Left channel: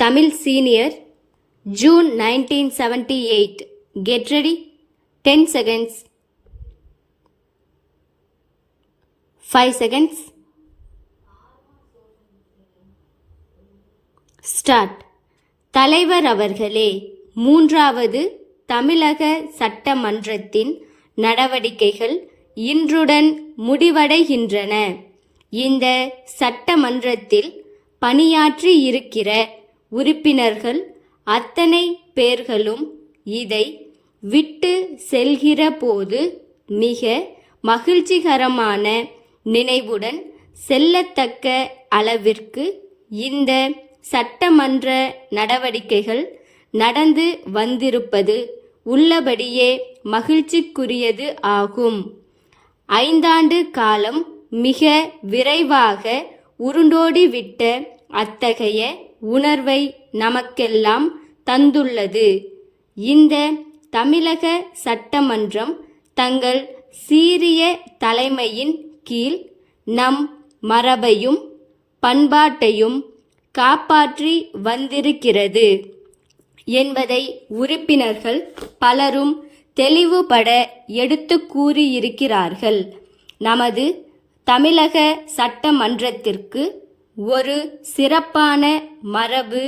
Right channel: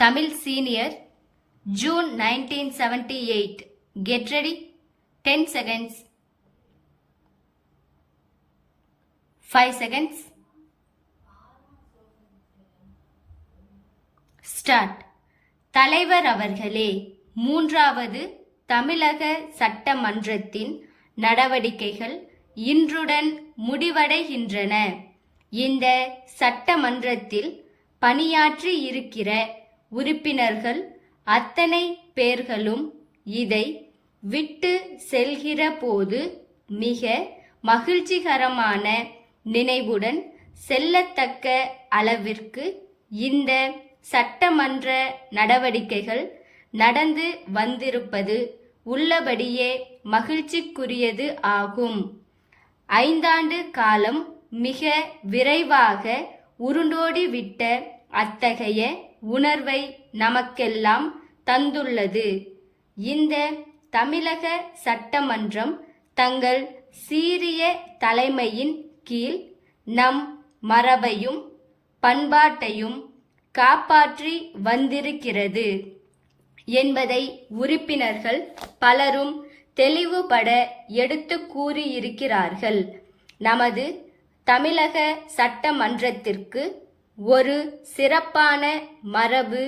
Tamil Senior, June 1978. Get ready. 10 seconds. 5 seconds. Start. தலைவர் அவர்களே, மூன்றாவது தமிழக சட்டமன்றத்தின் நடவடிக்கைகள் இன்றுடன் முடிவடைகின்றன. இந்த சட்டமன்றத்தில் பணியாற்றி இருக்கிற உறுப்பினர்கள் அத்தனை பேர்களும் இதை விட்டு செல்கிற போது மிக மகிழ்ச்சிகரமான நினைவுடன் செல்லத்தக்க அளவிற்கு இந்த சட்டமன்ற நடவடிக்கைகள் நடந்து வந்திருப்பது உள்ளபடியே மகிழ்ச்சிக்குரியது ஆகும். 5 ஆண்டு காலம் மிக விரைவாக உருண்டோடிவிட்ட அத்தகைய உணர்வை நமக்கெல்லாம் தந்துள்ளது. இந்த தமிழக சட்டமன்றம் தங்கள் சீரிய தலைமையின் கீழ் நம் மரபையும் பண்பாட்டையும் காப்பாற்றி வந்திருக்கிறது என்பதை உறுப்பினர்கள் பலரும் தெளிவுபட எடுத்து கூறியிருக்கிறார்கள். நமது தமிழக சட்டமன்றத்திற்கு ஒரு சிறப்பான மரபு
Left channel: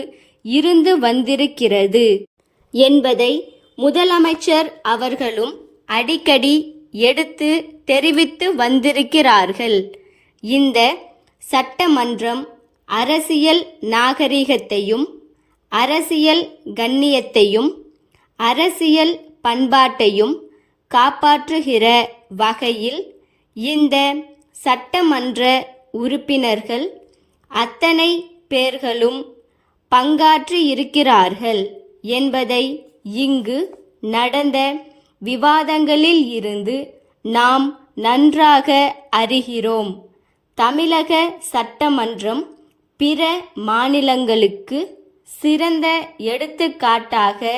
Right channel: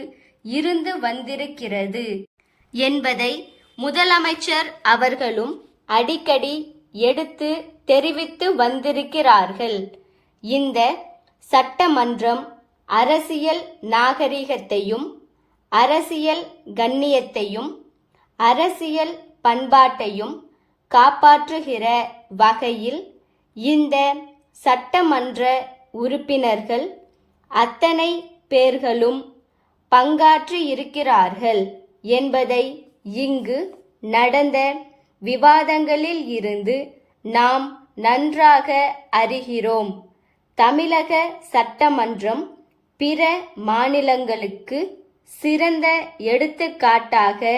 இருந்து வந்திருக்கிறது என்பதை முதலமைச்சர் அவர்களும் அடிக்கடி எடுத்து தெரிவித்து வந்திருக்கிறார்கள். இந்த சட்டமன்றம் அரசியல் நாகரிகத்தையும் அரசியல் கண்ணியத்தையும் அரசியல் பண்பாட்டையும் காப்பாற்றுகிற வகையில் இந்த சட்டமன்ற உறுப்பினர்கள் அத்தனை பேர்களும் பங்காற்றியிருக்கிறார்கள் என்பதை இங்கு நடந்த விவாதங்களில் இருந்து நாம் நன்றாக அறிகிறோம். தமிழக சட்டமன்றம் பிற மாநிலங்களுக்கு சிறந்த எடுத்துக்காட்டாக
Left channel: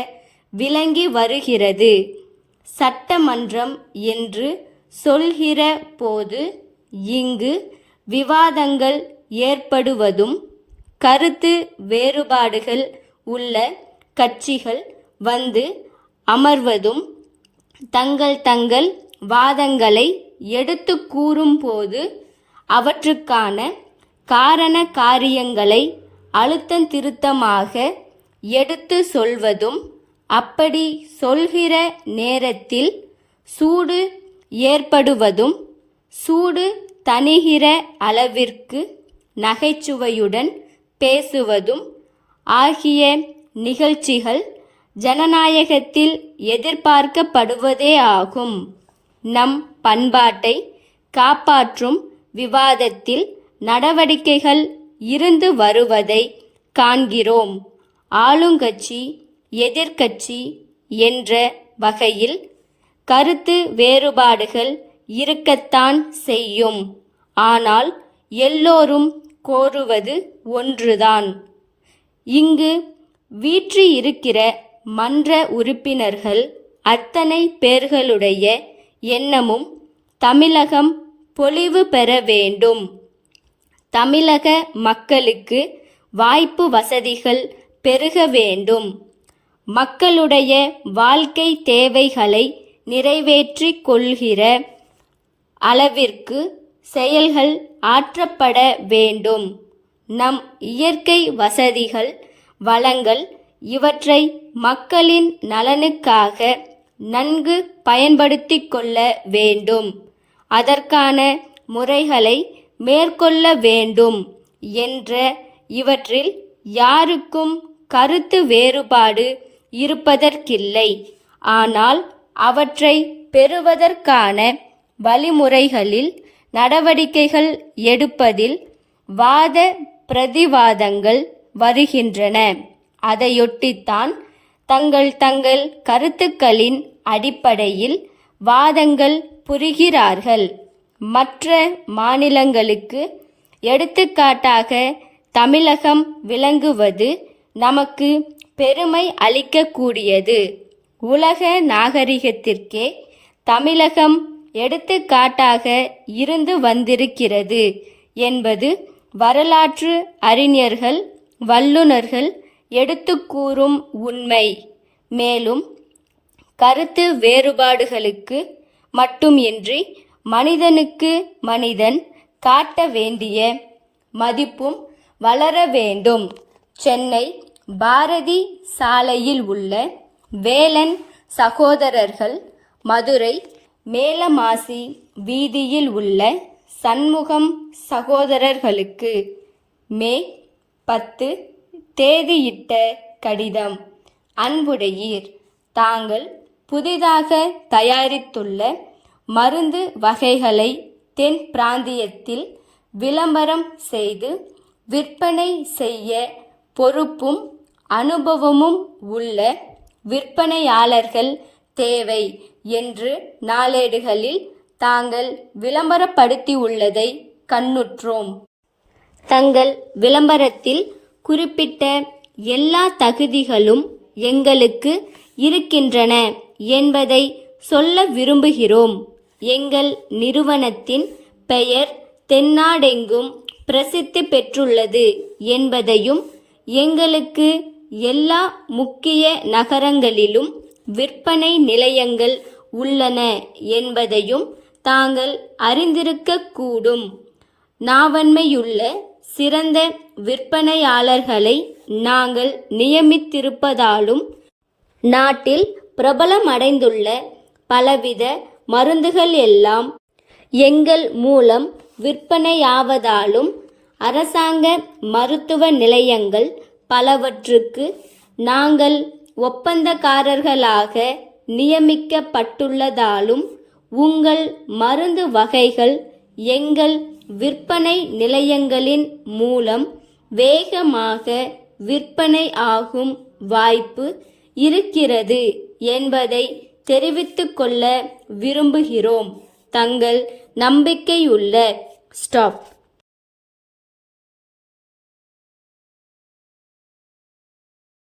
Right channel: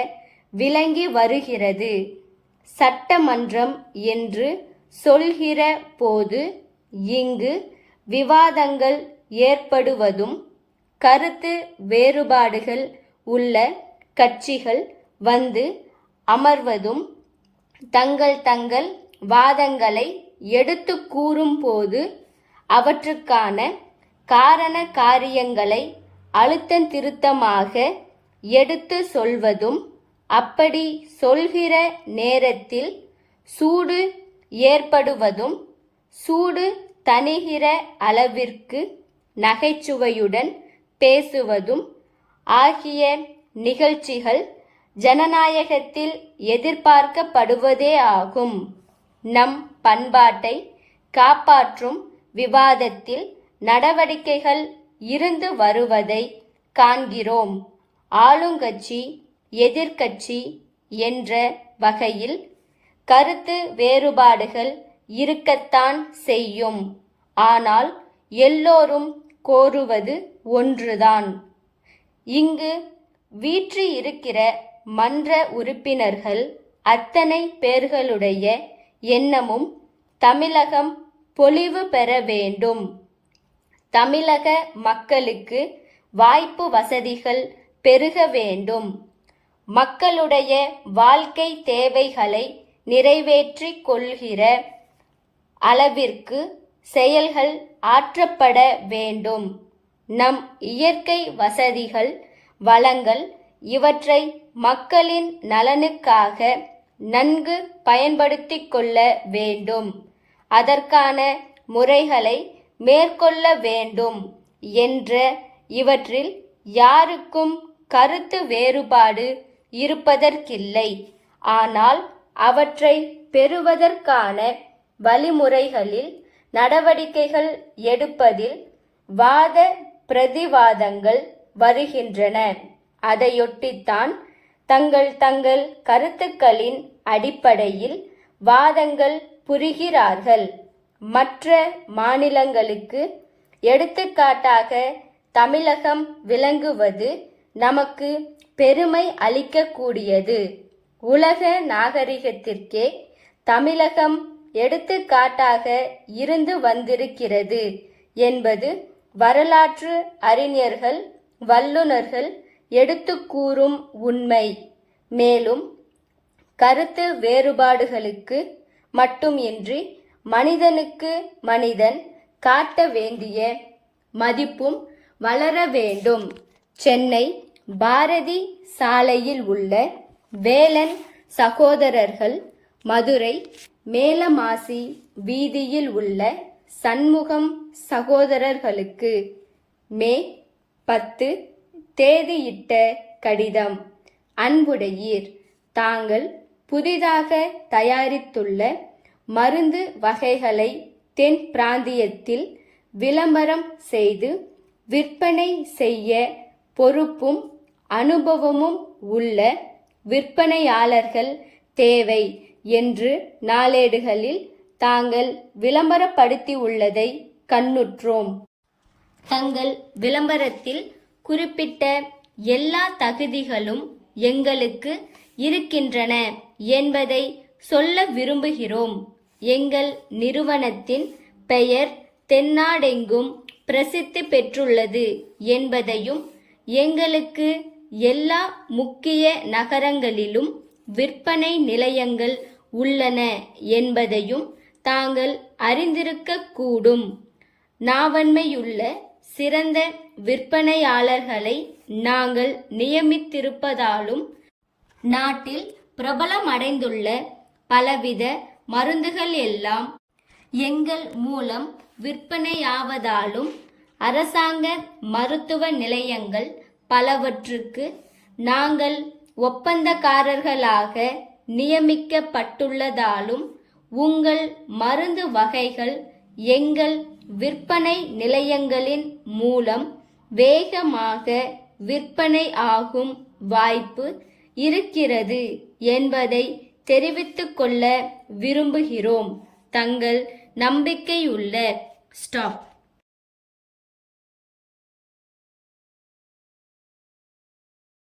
விளங்கி வருகிறது. சட்டமன்றம் என்று சொல்கிற போது இங்கு விவாதங்கள் ஏற்படுவதும் கருத்து வேறுபாடுகள் உள்ள கட்சிகள் வந்து அமர்வதும் தங்கள் வாதங்களை எடுத்து கூறும்போது அவற்றுக்கான காரண காரியங்களை அழுத்தந்திருத்தமாக எடுத்து சொல்வதும் அப்படி சொல்கிற நேரத்தில் சூடு ஏற்படுவதும் சூடு தணிகிற அளவிற்கு நகைச்சுவையுடன் பேசுவதும் ஆகிய நிகழ்ச்சிகள் ஜனநாயகத்தில் எதிர்பார்க்கப்படுவதே ஆகும். நம் பண்பாட்டை காப்பாற்றும் விவாதத்தில் நடவடிக்கைகள் இருந்து வருவதை காண்கிறோம். ஆளுங்கட்சி எதிர்க்கட்சி என்ற வகையில் கருத்து வேறுபாடுகள் இருக்கத்தான் செய்யும். ஆனால் எல்லோரும் கோருவது ஒன்றுதான். இங்கு வீற்றிருக்கிற மன்ற உறுப்பினர்கள் அத்தனை பேர்களுடைய எண்ணமும் தமிழகம் பொலிவு பெற வேண்டும். தமிழக மக்களுக்கு வாய்ப்பு வசதிகள் பெருக வேண்டும். மக்களுடைய வாழ்க்கை தேவைகளை நிறைவேற்றிக் கொள்கிற அளவிற்கு செயல்கள் ஆற்றப்பட வேண்டும். நம் இயற்கை வசதிகள் வளங்கள் இவற்றை மக்களின் நலனுக்காக நன்கு பயன்படுத்திக் கொள்ள வேண்டும். அதற்கான முறைகளை மேற்கொள்ள வேண்டும் என்ற இவற்றில் யாருக்கும் கருத்து வேறுபாடு இருப்பதற்கில்லை. ஆனால் அவற்றை பெறுவதற்கான வழிமுறைகளில் நடவடிக்கைகள் எடுப்பதில் வாத பிரதிவாதங்கள் வருகின்றன. அதையொட்டித்தான் தங்கள் கருத்துக்களின் அடிப்படையில் வாதங்கள் புரிகிறார்கள். மற்ற மாநிலங்களுக்கு எடுத்துக்காட்டாக தமிழகம் விளங்குவது நமக்கு பெருமை அளிக்கக்கூடியது. உலக நாகரிகத்திற்கே தமிழகம் எடுத்துக்காட்டாக இருந்து வந்திருக்கிறது என்பது வரலாற்று அறிஞர்கள் வல்லுனர்கள் எடுத்துக் கூறும் உண்மை. மேலும் கருத்து வேறுபாடுகளுக்கு மட்டுமின்றி மனிதனுக்கு மனிதன் காட்ட வேண்டிய மதிப்பும் வளர வேண்டும். சென்னை பாரதி சாலையில் உள்ள வேலன் சகோதரர்கள், மதுரை மேலமாசி வீதியில் உள்ள சண்முகம் சகோதரர்களுக்கு மே 10 தேதியிட்ட கடிதம். அன்புடையீர், தாங்கள் புதிதாக தயாரித்துள்ள மருந்து வகைகளை தென் பிராந்தியத்தில் விளம்பரம் செய்து விற்பனை செய்ய பொறுப்பும் அனுபவமும் உள்ள விற்பனையாளர்கள் தேவை என்று நாளேடுகளில் தாங்கள் விளம்பரப்படுத்தியுள்ளதை கண்ணுற்றோம். தங்கள் விளம்பரத்தில் குறிப்பிட்ட எல்லா தகுதிகளும் எங்களுக்கு இருக்கின்றன என்பதை சொல்ல விரும்புகிறோம். எங்கள் நிறுவனத்தின் பெயர் தென்னாடெங்கும் பிரசித்தி பெற்றுள்ளது என்பதையும், எங்களுக்கு எல்லா முக்கிய நகரங்களிலும் விற்பனை நிலையங்கள் உள்ளன என்பதையும் தாங்கள் அறிந்திருக்கக்கூடும். நாவன்மையுள்ள சிறந்த விற்பனையாளர்களை நாங்கள் நியமித்திருப்பதாலும், நாட்டில் பிரபலமடைந்துள்ள பலவித மருந்துகள் எல்லாம் எங்கள் மூலம் விற்பனையாவதாலும், அரசாங்க மருத்துவ நிலையங்கள் பலவற்றுக்கு நாங்கள் ஒப்பந்தக்காரர்களாக நியமிக்கப்பட்டுள்ளதாலும், உங்கள் மருந்து வகைகள் எங்கள் விற்பனை நிலையங்களின் மூலம் வேகமாக விற்பனை ஆகும் வாய்ப்பு இருக்கிறது என்பதை தெரிவித்துக் கொள்ள விரும்புகிறோம். தங்கள் நம்பிக்கையுள்ள ஸ்டாப்.